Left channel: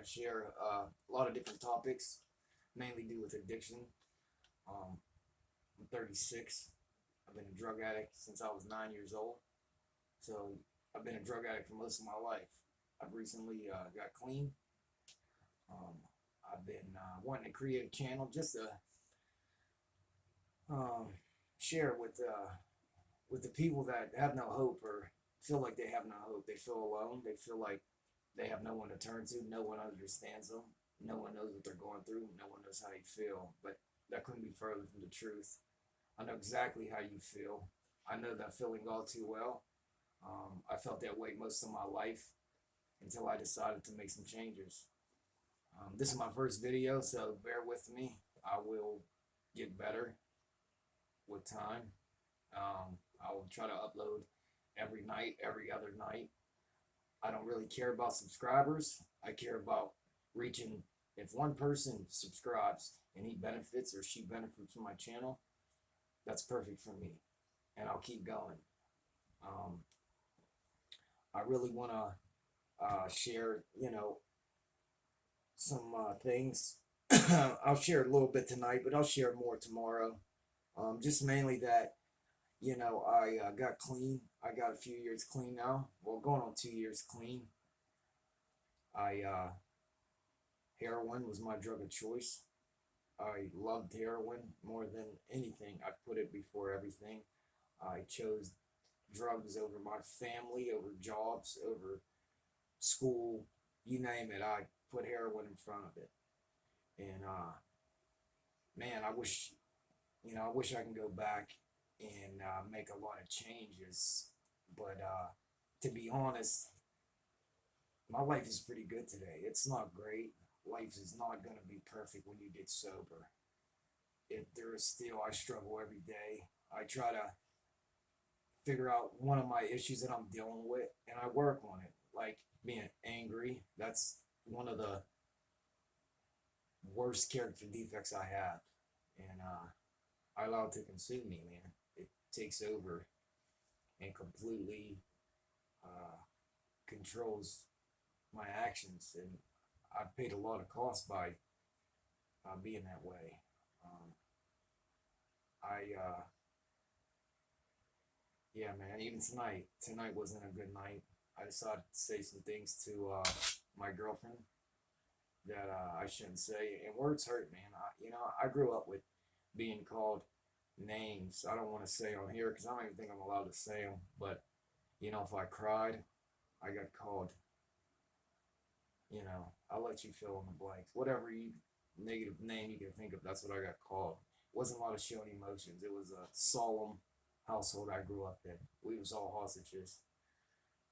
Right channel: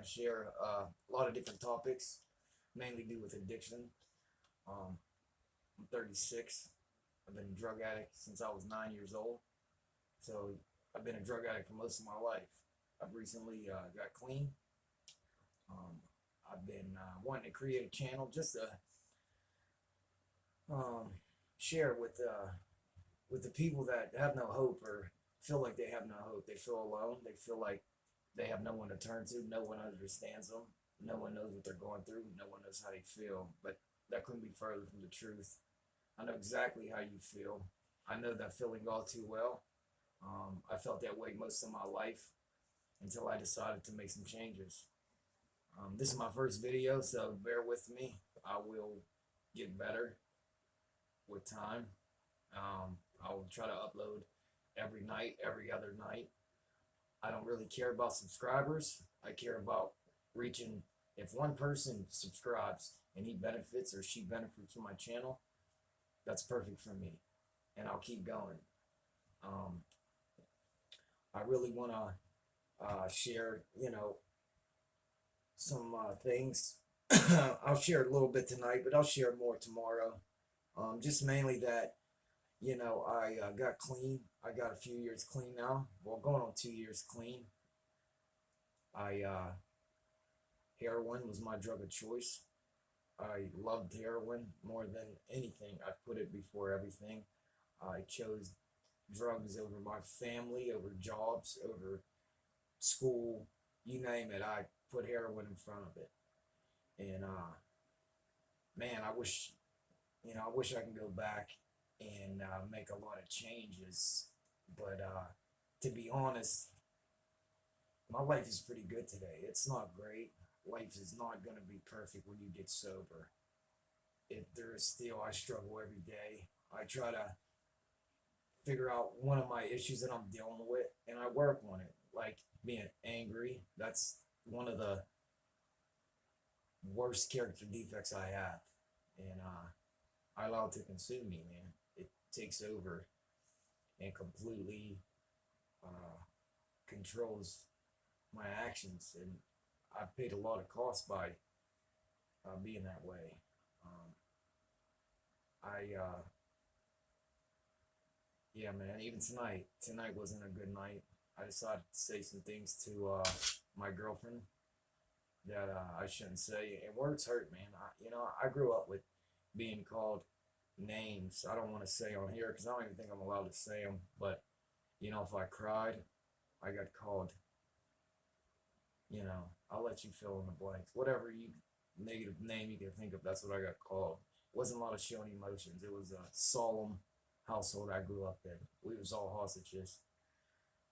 to share a lot of different topics, mainly do with addiction. I'm 36. I've been a drug addict since I was 9 years old. So I've been a drug addict for most of my life. I've recently got clean. Um, I've been wanting to create a channel just to um, share with the people that have no hope or feel like they have no hope. They feel alone. They feel like they have no one to turn to. No one understands them. No one knows what they're going through. No one knows how they feel. But that couldn't be further from the truth. I know exactly how you feel. I know that feeling all too well. I felt that way most of my life until I decided to make some changes. This is my first video, so bear with me. I will get better with time. I will try to upload every night, every other night. I don't really care about subscribers. I care about reaching. If one person subscribes and he benefits or she benefits from my channel, that's perfect for me, and I'll keep going. Um, I really want to share, some things. I'll share a little bit tonight, but I'll share more tomorrow. Just mainly that, I got clean. I got a few years clean now. Well, going on 2 years clean. I Heroin was my drug of choice. I loved heroin more than anything. I put it before everything. I chose drugs over my family, over jobs, over school, you name it. I put heroin in front of it. And man, I wish I can go back and make a lot of changes. But to be honest, my life is pretty good today. It's not great. Life is not going to be perfect when you get sober. There is still, I struggle every day. I try to figure out one of my issues that I'm dealing with, and I work on it. Like being angry, that's one of the worst character defects I have, and I allow it to consume me, man. It takes over and completely uh, controls my actions, and I've paid a lot of cost by being that way. Um, I Yeah, man. Even tonight wasn't a good night. I decided to say some things to my girlfriend that I shouldn't say, and words hurt, man. I grew up with being called names. I don't want to say on here because I don't even think I'm allowed to say them. But if I cried, I got called. I'll let you fill in the blanks. Whatever you negative name you can think of, that's what I got called. It wasn't a lot of showing emotions. It was a solemn household I grew up in. We was all hostages.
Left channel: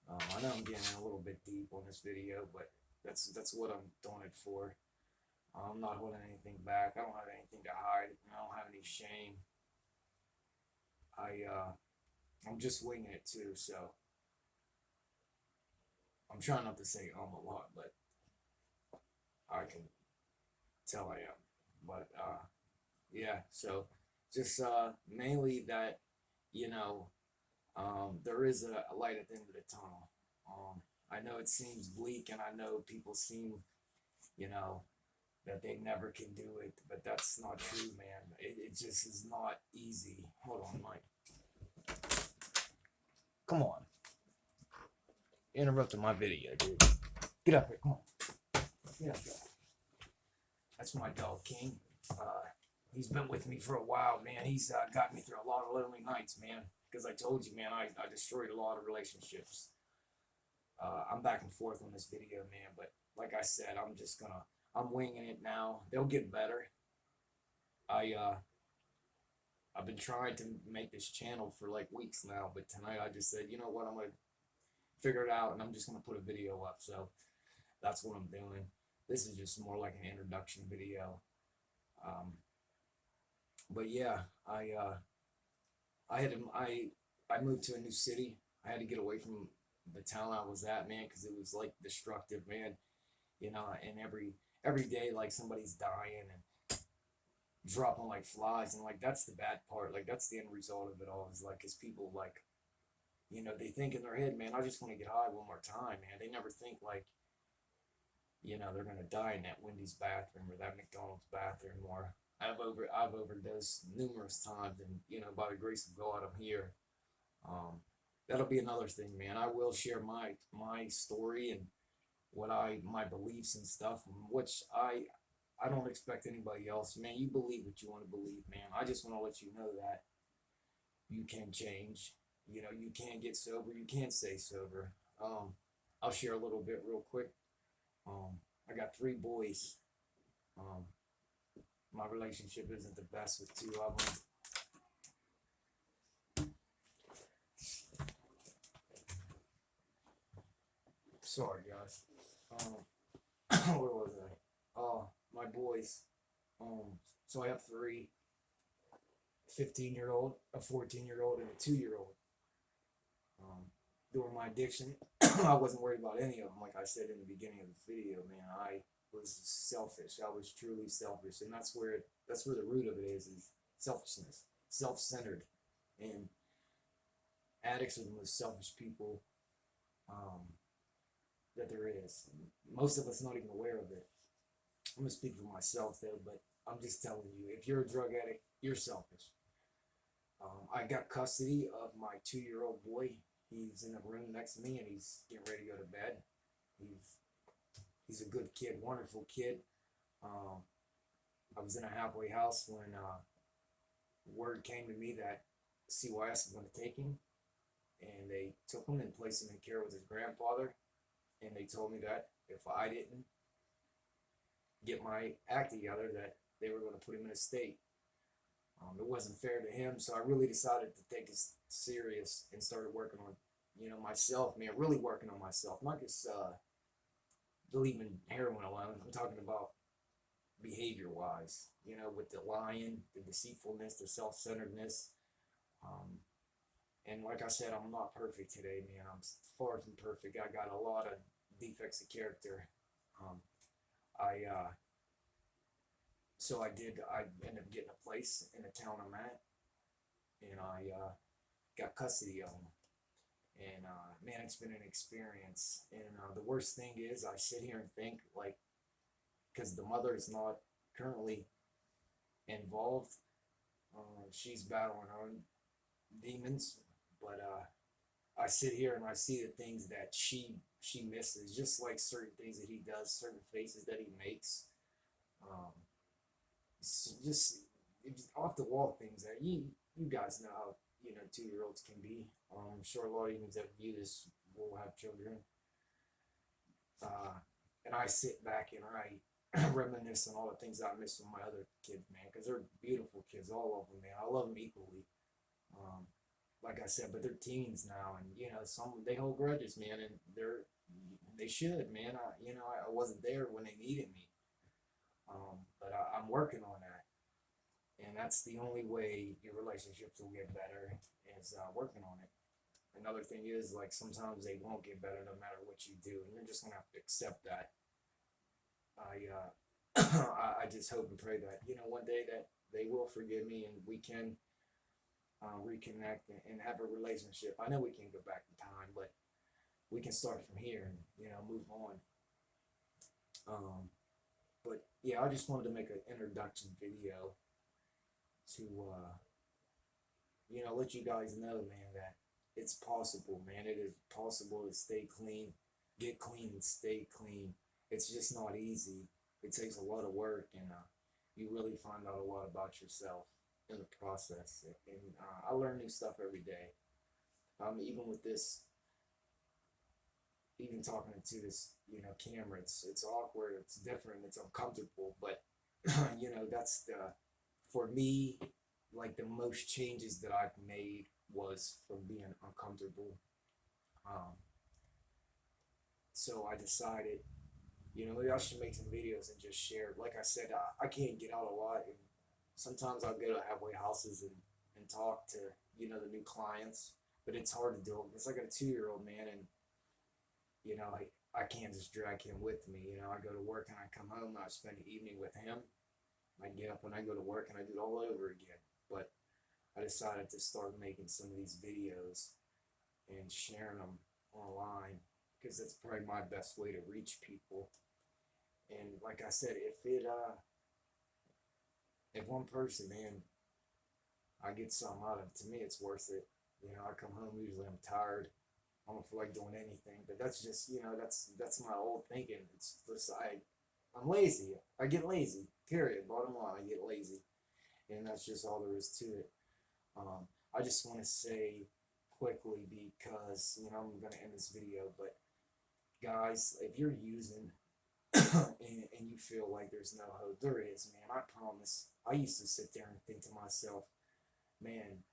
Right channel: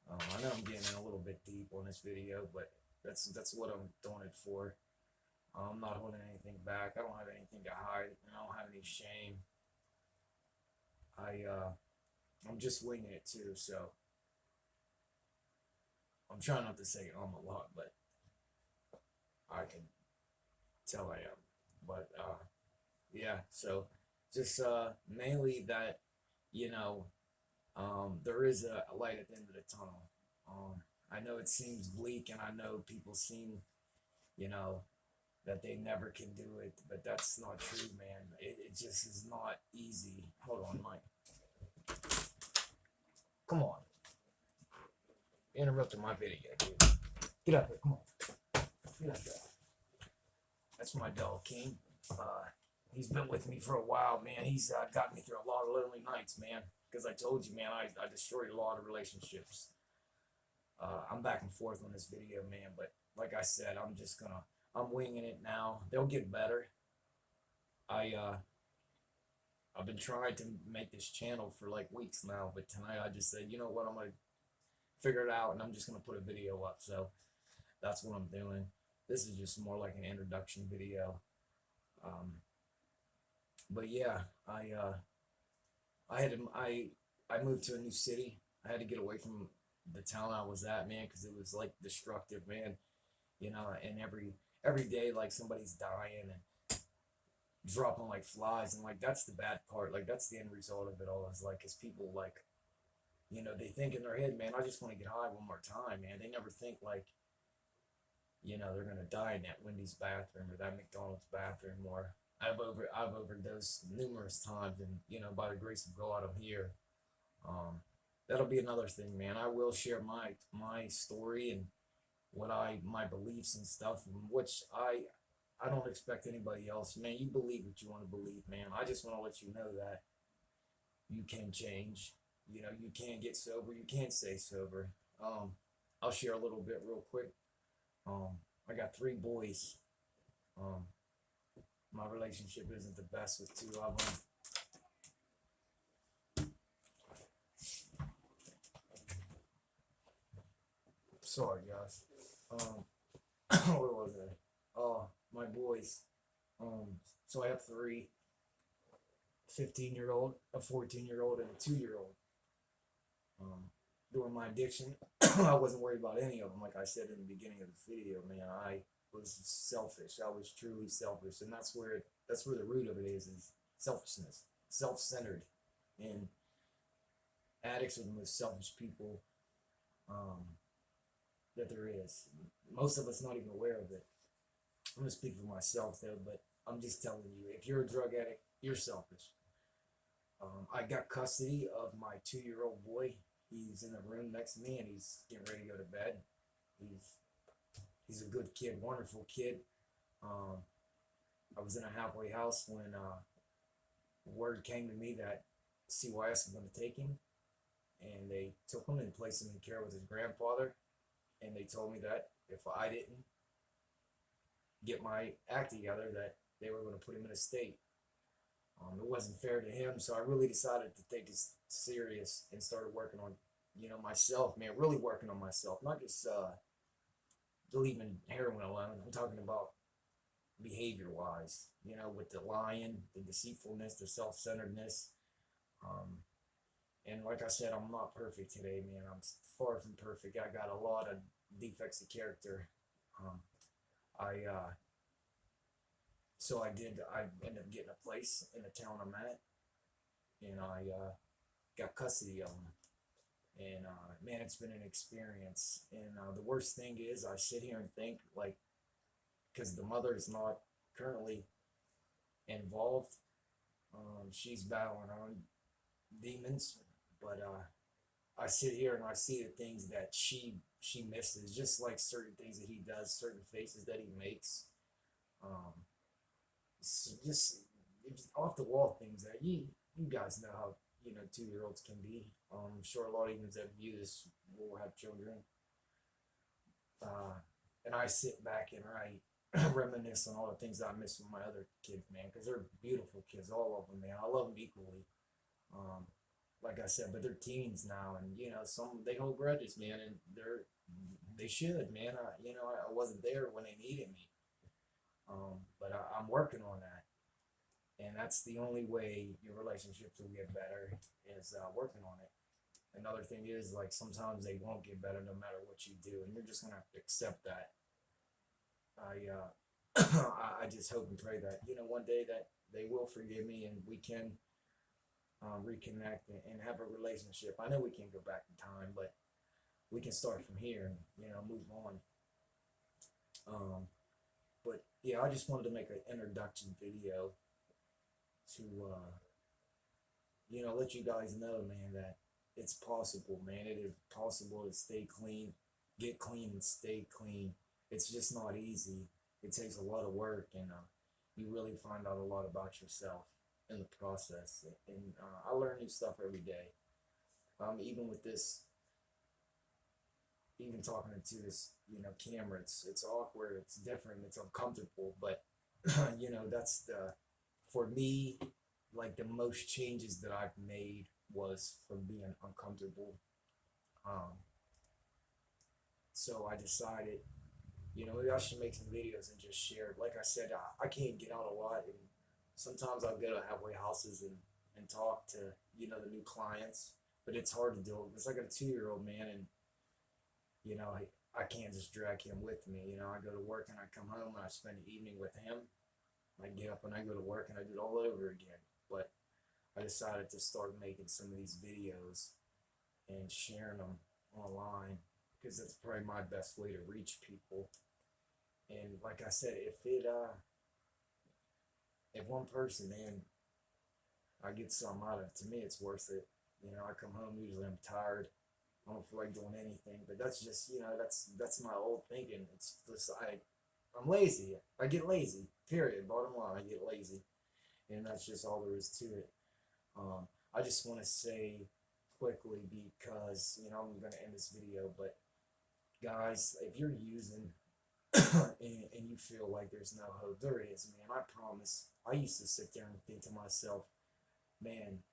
I know I'm getting in a little bit deep on this video, but that's what I'm doing it for. I'm not holding anything back. I don't have anything to hide, and I don't have any shame. I'm just winging it too, so I'm trying not to say a lot, but I can tell I am. But yeah, so just mainly that you know there is a light at the end of the tunnel. I know it seems bleak, and I know people seem, you know, that they never can do it, but that's not true, man. It just is not easy. Hold on, Mike. Come on. You interrupted my video, dude. Get up here. Come on. Get up there. That's my dog, King. He's been with me for a while, man. He's got me through a lot of lonely nights, man. Because I told you, man, I destroyed a lot of relationships. I'm back and forth on this video, man. But like I said, I'm winging it now. They'll get better. I've been trying to make this channel for like weeks now, but tonight I just said, you know what, I'm gonna figure it out, and I'm just gonna put a video up. So that's what I'm doing. This is just more like an introduction video. But yeah, I moved to a new city. I had to get away from the town I was at, man, because it was like destructive, man. And every day like somebody's dying and dropping like flies, and like that's the bad part. Like that's the end result of it all. Is like, cause people like, they think in their head, man, I just want to get high one more time, man. They never think like, they're gonna die in that Wendy's bathroom or that McDonald's bathroom. Or I've overdosed numerous times, and by the grace of God, I'm here. Um, that'll be another thing, man. I will share my story and what my beliefs and stuff, which I don't expect anybody else. Man, you believe what you want to believe, man. I just want to let you know that you can change. You can get sober. You can stay sober. Um, I'll share a little bit real quick. Um, I got three boys. Um, my relationship isn't the best with two of them. Sorry, guys. Where was I? My boys. Um, so I have three: 15-year-old, a 14-year-old, and a 2-year-old. During my addiction, I wasn't worried about any of them. Like I said in the beginning of the video, man, I was selfish. I was truly selfish, and that's where the root of it is selfishness, self-centered, and addicts are the most selfish people um, that there is. Most of us not even aware of it. I'm gonna speak for myself though, but I'm just telling you, if you're a drug addict, you're selfish. I got custody of my 2-year-old boy. He's in the room next to me, and he's getting ready to go to bed. He's a good kid, wonderful kid. Um, I was in a halfway house when word came to me that CYS was going to take him, and they took him and placed him in care with his grandfather. And they told me that if I didn't get my act together, that they were going to put him in a state. It wasn't fair to him, so I really decided to take this serious and started working on, myself, man. Really working on myself, not just leaving heroin alone. I'm talking about behavior-wise, with the lying, the deceitfulness, the self-centeredness. Um, and like I said, I'm not perfect today, man. I'm far from perfect. I got a lot of defects of character. Um, I so I did. I ended up getting a place in the town I'm at, and I got custody of them. And man, it's been an experience. And the worst thing is, I sit here and think, like, because the mother is not currently involved. She's battling her own demons, but I sit here and I see the things that she misses, just like certain things that he does, certain faces that he makes. Um, just off the wall things that you guys know how 2-year-olds can be. I'm sure a lot of you that view this will have children. And I sit back and I reminisce on all the things I miss from my other kids, man, because they're beautiful kids, all of them, man. I love them equally. Um, like I said, but they're teens now, and some they hold grudges, man, and they should, man. I wasn't there when they needed me, but I'm working on that, and that's the only way your relationships will get better is working on it. Another thing is, like, sometimes they won't get better no matter what you do, and you're just gonna have to accept that. I I just hope and pray that one day that they will forgive me and we can reconnect and have a relationship. I know we can't go back in time, but we can start from here and move on. Um, but yeah, I just wanted to make an introduction video to let you guys know, man, that it's possible, man. It is possible to stay clean, get clean, and stay clean. It's just not easy. It takes a lot of work, and you really find out a lot about yourself in the process. And I learn new stuff every day. Even with this, even talking to this, camera, it's awkward, it's different, it's uncomfortable, but that's the for me, like, the most changes that I've made was from being uncomfortable. Um, so I decided, maybe I should make some videos and just share. Like I said, I can't get out a lot, and sometimes I'll go to halfway houses and talk to the new clients, but it's hard to do it. It's like a 2-year-old, man, and I can't just drag him with me. I go to work and I come home and I spend the evening with him. I get up and I go to work and I do it all over again. But I decided to start making some of these videos and sharing them online because that's probably my best way to reach people. And like I said, if one person, man, I get something out of it, to me it's worth it. I come home, usually I'm tired. I don't feel like doing anything, but that's just, that's my old thinking. It's just I'm lazy. I get lazy. Period. Bottom line, I get lazy, and that's just all there is to it. I just want to say quickly, because I'm gonna end this video, but guys, if you're using and you feel like there's no hope, there is, man. I promise. I used to sit there and think to myself, man,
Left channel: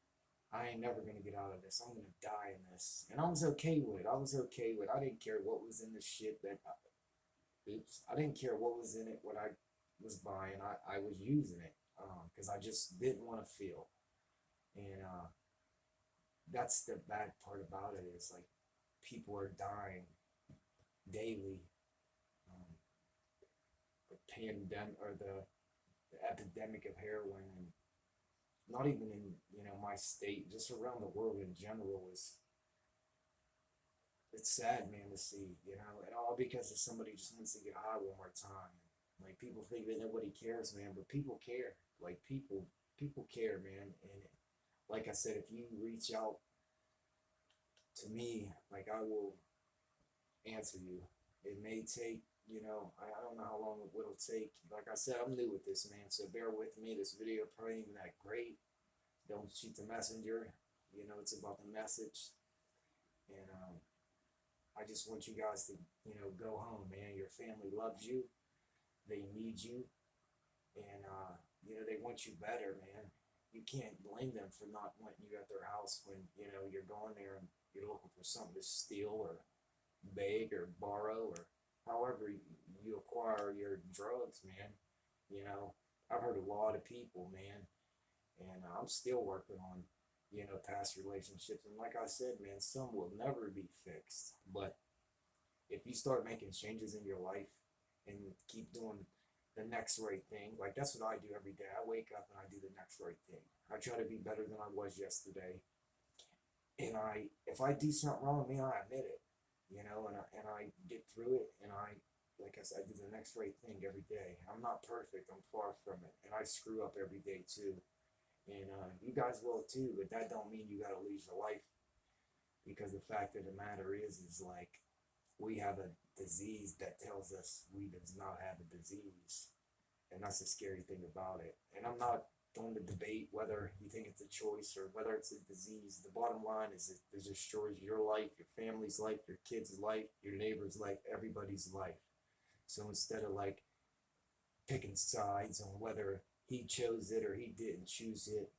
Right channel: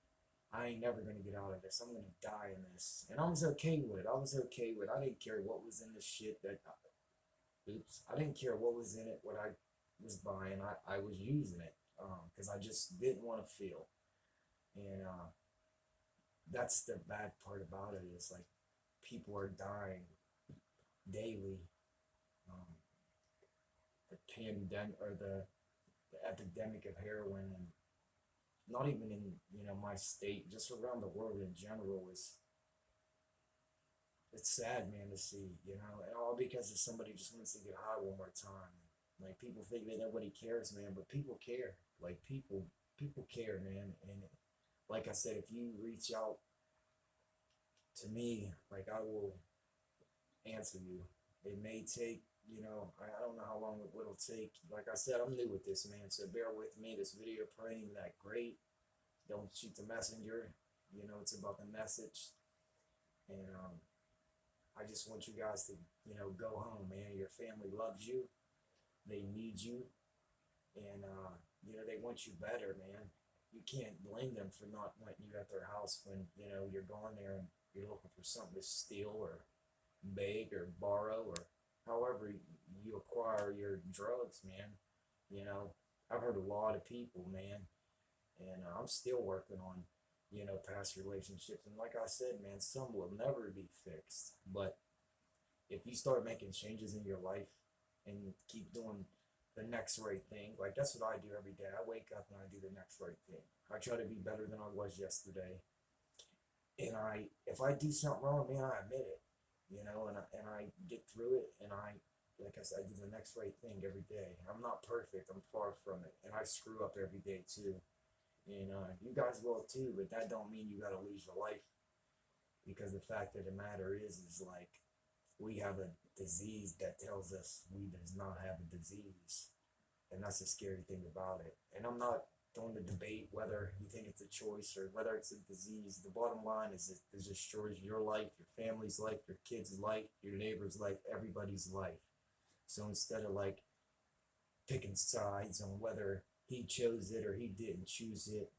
I ain't never gonna get out of this. I'm gonna die in this, and I was okay with it. I was okay with it. I didn't care what was in the shit that. Oops, I didn't care what was in it. What I was buying, I was using it because I just didn't want to feel. And that's the bad part about it, is like people are dying daily. Um, the pandemic, or the epidemic of heroin, and not even in my state, just around the world in general, is it's sad, man, to see, and all because of somebody just wants to get high one more time. Like, people think that nobody cares, man, but people care. Like, people care, man. And like I said, if you reach out to me, like, I will answer you. It may take, I don't know how long it will take. Like I said, I'm new with this, man, so bear with me. This video probably ain't that great. Don't shoot the messenger. It's about the message. And I just want you guys to, go home, man. Your family loves you. They need you. And, they want you better, man. You can't blame them for not wanting you at their house when, you're going there and you're looking for something to steal or beg or borrow, or however you acquire your drugs, man. I've heard a lot of people, man, and I'm still working on, past relationships. And like I said, man, some will never be fixed. But if you start making changes in your life and keep doing the next right thing, like that's what I do every day. I wake up and I do the next right thing. I try to be better than I was yesterday. And if I do something wrong, man, I admit it, and I get through it, and like I said, I do the next right thing every day. I'm not perfect. I'm far from it, and I screw up every day too. And you guys will too, but that don't mean you gotta lose your life, because the fact of the matter is like, we have a disease that tells us we does not have a disease, and that's the scary thing about it. And I'm not going to debate whether you think it's a choice or whether it's a disease. The bottom line is it destroys your life, your family's life, your kids' life, your neighbor's life, everybody's life. So instead of like picking sides on whether he chose it or he didn't choose it,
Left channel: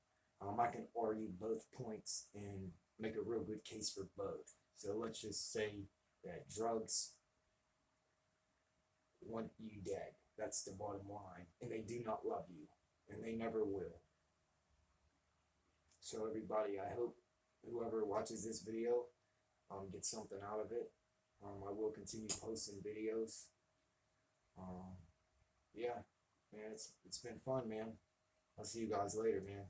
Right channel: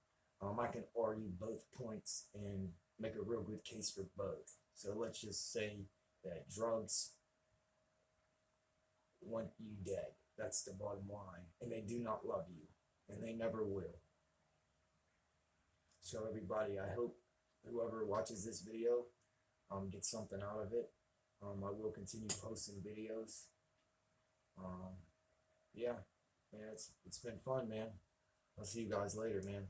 I can argue both points and make a real good case for both. So let's just say that drugs want you dead. That's the bottom line. And they do not love you. And they never will. So everybody, I hope whoever watches this video gets something out of it. I will continue posting videos. Yeah, it's been fun, man. I'll see you guys later, man.